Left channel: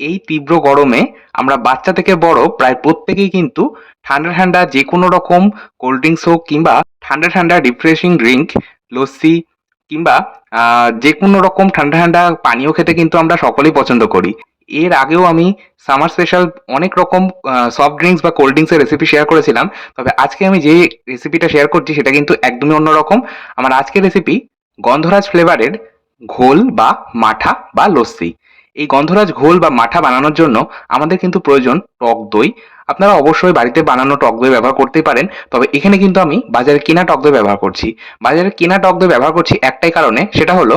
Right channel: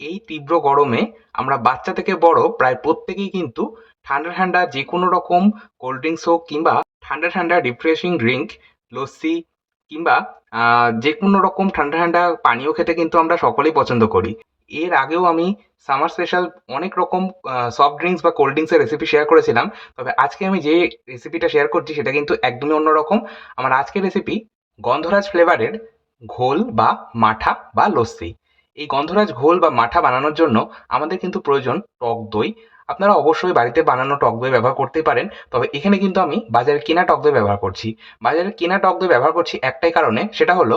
এই তীব্র গরমে আমরা বাচ্চা থেকে বড় প্রায় প্রত্যেকেই কিন্তু ঠান্ডা ঠান্ডা যে কোনো রকম কোল্ড ড্রিঙ্কস হোক কিংবা ঠান্ডা ঠান্ডা রিফ্রেশিং ড্রিঙ্ক, লস্যি কিংবা যে কোনো রকম ঠান্ডা ঠান্ডা পানীয় খেতে কিন্তু আমরা সকলেই পছন্দ করি। এর আগেও আমি সামার স্পেশাল অনেক রকম সফট ড্রিঙ্কস বা কোল্ড ড্রিঙ্কসের রেসিপি শেয়ার করেছিলাম। তবে আজকে আমি যে রেসিপিটা শেয়ার করছি সেটা কিন্তু একদমই অন্যরকম। আমার আজকের রেসিপি গন্ধরাজ ফ্লেভারের ঘোল বা মাঠা বা লস্যি। এই গন্ধরাজ ঘোল বা মাঠা বানানোর জন্য আমাদের কিন্তু প্রয়োজন টক দই। আপনারা অবশ্যই বাড়িতে বানানো টক দই ব্যবহার করতেই পারেন। তবে এখানে কিন্তু আমি বাজারে কেনা টক দই ব্যবহার করছি। বাজারে কেনা টক দই ব্যবহার করছি একটাই কারণে, সেটা হলো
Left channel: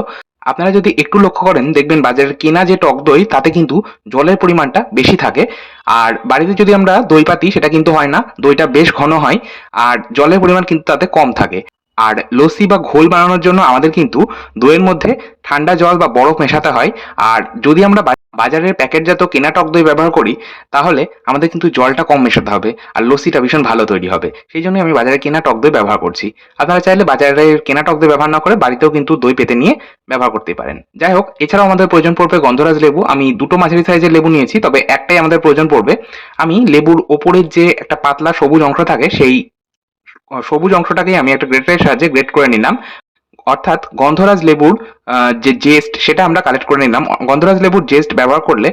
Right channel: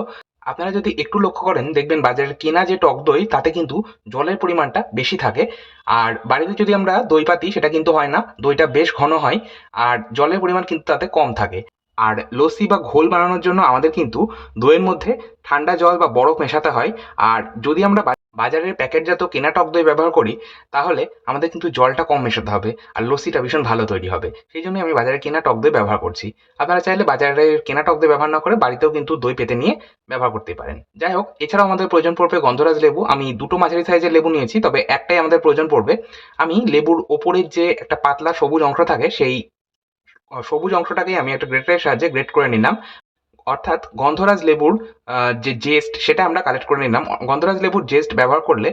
আপনারা যদি একটু লক্ষ্য করেন দেখবেন বাজারের কেনা যে টক দই তাতে কিন্তু জলের পরিমাণটা বেশি থাকে। আর বাড়িতে যদি আমরা দই পাতি সেটা কিন্তু হয় না, দইটা বেশ ঘন হয় আর জলের পরিমাণ কিন্তু তাতে কম থাকে। আর লস্যি বা ঘোল বানানোর জন্য আমাদের কিন্তু দইয়ের মধ্যে ঠান্ডা জল বা বরফ মেশাতে হয়। আর যদি আমরা বাজারের প্যাকেটজাত কেনা টক দই ব্যবহার করি তাহলে আমাদের কিন্তু জলটা কম মেশাতে হবে আর লস্যিটা ভীষণ ভালো তৈরি হবে। সেই জন্যই আমি বাজারে কেনা টক দই ব্যবহার করছি। আপনারা চাইলে বাজারের কেনা টক দই ব্যবহার না করে বাড়িতেও কিন্তু দই পেতে নিয়ে ব্যবহার করতে পারেন। যাই হোক, এছাড়াও আমাদের প্রয়োজন পড়বে গন্ধরাজ লেবু। আমি দুটো মাঝারি সাইজের লেবু নিয়েছি, তবে একটাই আমাদের প্রয়োজন পড়বে। আমি লেবুর ওপরের যে একটা পাতলা সবুজ অংশ থাকে সেই সবুজ অংশটাকেই আমি একটা গ্রেটারের সাহায্যে গ্রেট করে নিলাম। অর্থাৎ গন্ধরাজ লেবুর যে জেস্ট সেটা আমরা কালেক্ট করে নিলাম। গন্ধরাজ লেবুর জেস্ট ব্যবহার করলে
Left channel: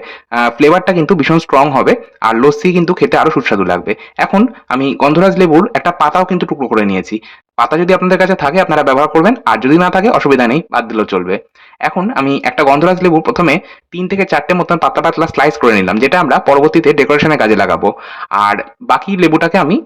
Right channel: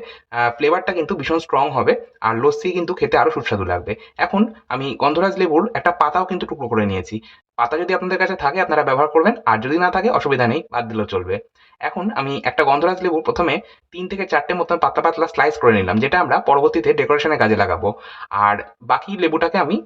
ফ্লেভারটা কিন্তু ভীষণ স্ট্রং হবে আর লস্যি কিন্তু খেতে আরো সুস্বাদু লাগবে। এখন আমি গন্ধরাজ লেবুর একটা পাতাও কিন্তু টুকরো করে নিয়েছি। পাতা যদি আপনাদের কাছে থাকে আপনারা ব্যবহার করবেন, আর যদি না থাকে অসুবিধা নেই, বাদ দিলেও চলবে। এখন আমি একটা গন্ধরাজ লেবু প্রথমে ৩ থেকে ৪টে মতন পাতলা পাতলা স্লাইস করে নিলাম, যেটা আমরা পরবর্তীতে ডেকোরেশনের কাজে লাগাবো। আর বাকি লেবুটাকে আমি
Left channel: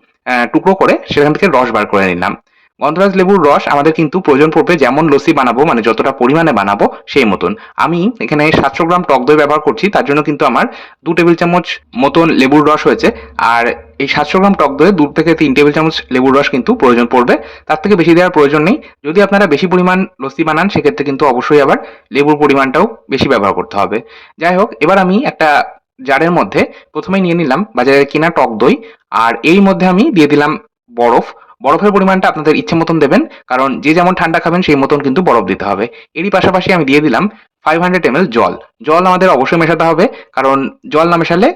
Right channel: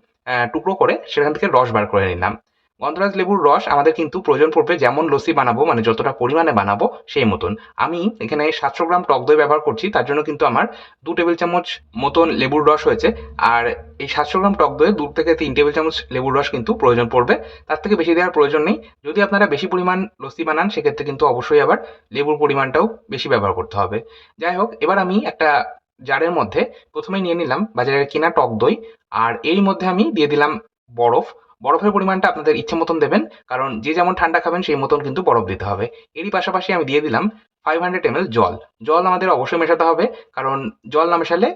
টুকরো করে সেখান থেকে রস বার করে নিলাম। গন্ধরাজ লেবুর রস আমাদের কিন্তু প্রয়োজন পড়বে যেমন লস্যি বানাবো, মানে যতটা পরিমাণে বানাবো সেই মতন। আমি এখানে ৭০০ গ্রাম টক দই ব্যবহার করছি, তার জন্য কিন্তু আমার ২ টেবিল চামচ মতন লেবুর রস হয়েছে। আর এই ৭০০ গ্রাম টক দইয়ে ২ থেকে ৩ টেবিল চামচ লেবুর রস কিন্তু প্রয়োজন পড়বে। তার থেকে বেশি দেওয়ার প্রয়োজন নেই। যদি আপনারা বেশি পরিমাণ লস্যি বানান সেক্ষেত্রে কিন্তু অবশ্যই আবার লেবুর পরিমাণটাও বেশি ব্যবহার করতে হবে। যাই হোক, এবার আমি একটা জারের মধ্যে প্রথমেই নিয়ে নিলাম বাজারে কেনা টক দই, আর এর মধ্যে আমি দিয়ে দিলাম বরফ। বরফের পরিমাণটা আপনাদের ইচ্ছে মতন দেবেন, কারণ যে যেমন ঠান্ডা খাবেন সেই মতন কিন্তু বরফ দিতে হবে। এরই পাশাপাশি আমি দিয়ে দিলাম 500 ml জল। জল আমাদের অবশ্যই মেশাতে হবে, কারণ জল না মেশালে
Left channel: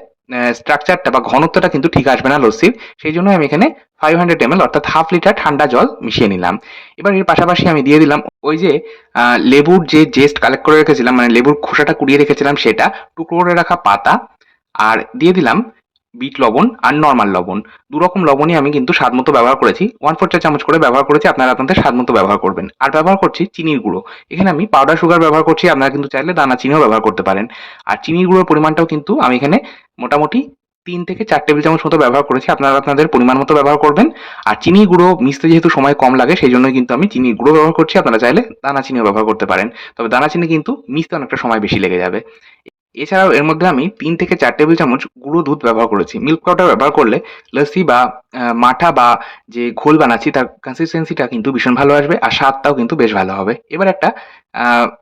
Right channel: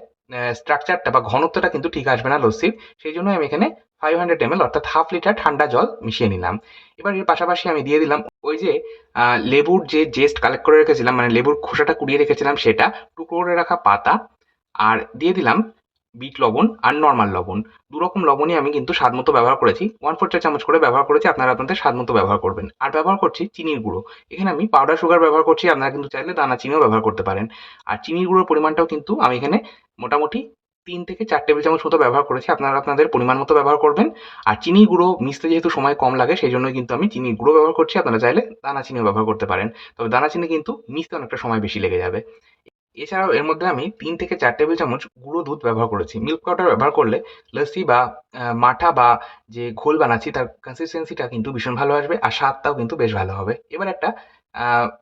স্ট্রাকচারটা বা ঘনত্বটা কিন্তু ঠিক আসবে না লস্যির। সেই জন্য আমি এখানে 500 ml অর্থাৎ হাফ লিটার ঠান্ডা জল মিশিয়ে নিলাম। এবার এর পাশাপাশি আমি দিয়ে দিলাম ওই যে লেবুর যে জেস্ট কালেক্ট করে রেখেছিলাম, মানে লেবুর খোসাটা কুড়িয়ে রেখেছিলাম সেটা, টুকরো করে রাখা পাতা, আর দিয়ে দিলাম বিট লবণ আর নরমাল লবণ। দুরকম লবণই আমি কিন্তু স্বাদ মতো ব্যবহার করেছি, 1/4 চা চামচ করে ব্যবহার করেছি। আপনারা আপনাদের স্বাদ মতো ব্যবহার করবেন। আর ব্যবহার করছি চিনির গুঁড়ো। এখানে আমি পাউডার সুগার ব্যবহার করছি, আপনারা কিন্তু চাইলে দানা চিনিও ব্যবহার করতে পারেন। আর চিনির গুঁড়োর পরিমাণটাও কিন্তু আমি এখানে মোটামুটি ৩ থেকে ৪ টেবিল চামচ মতো ব্যবহার করেছি। আপনারা আপনাদের পরিমাণ মতো ব্যবহার করবেন। আর চিনির গুঁড়ো মিশতে যেহেতু সময় কম লাগে সেই জন্যই কিন্তু আমি চিনির গুঁড়ো ব্যবহার করছি। আপনারা চাইলে দানা চিনিও ব্যবহার করতে পারেন। তবে দানা চিনি কিন্তু মিশতে অনেকটা সময় বেশি লেগে যাবে। এছাড়াও এর মধ্যে আমি ৩ থেকে ৪ টেবিল চামচ গুঁড়ো দুধ ব্যবহার করেছি। মিল্ক পাউডার ব্যবহার করলে লস্যি বা মাঠা বা যে ঘোল বানাচ্ছি তার কনসিস্টেন্সিটা কিন্তু ভীষণ ভালো আসবে আর স্বাদটাও কিন্তু বেশ ভালো হবে। এবার একটা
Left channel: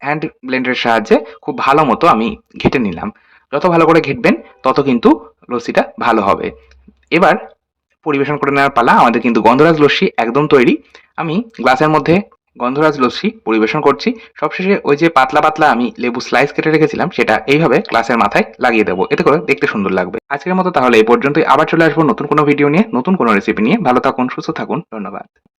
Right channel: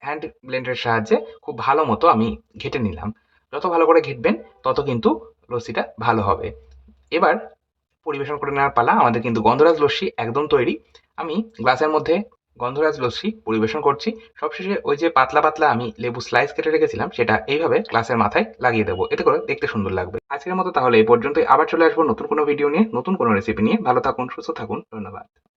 হ্যান্ড ব্লেন্ডারের সাহায্যে খুব ভালো মতো আমি ঘেঁটে নিলাম। যত ভালো করে ঘেঁটবেন তত কিন্তু লস্যিটা ভালো হবে। এবার পরিবেশন করে নেওয়ার পালা। আমাদের কিন্তু গন্ধরাজ লস্যি একদম তৈরি। আমি গ্লাসের মধ্যে গন্ধরাজ লস্যি পরিবেশন করছি। সবশেষে ওই যে পাতলা পাতলা আমি লেবু স্লাইস কেটে রেখেছিলাম সেটা এইভাবে গ্লাসের মাথায় লাগিয়ে দেবো, এতে করে দেখতে সুন্দর লাগবে। আজকের মতো তাহলে এই পর্যন্তই। আবার চলে আসবো নতুন কোনো ভিডিও নিয়ে, নতুন কোনো রেসিপি নিয়ে। ভালো থাকুন, সুস্থ থাকুন, ধন্যবাদ।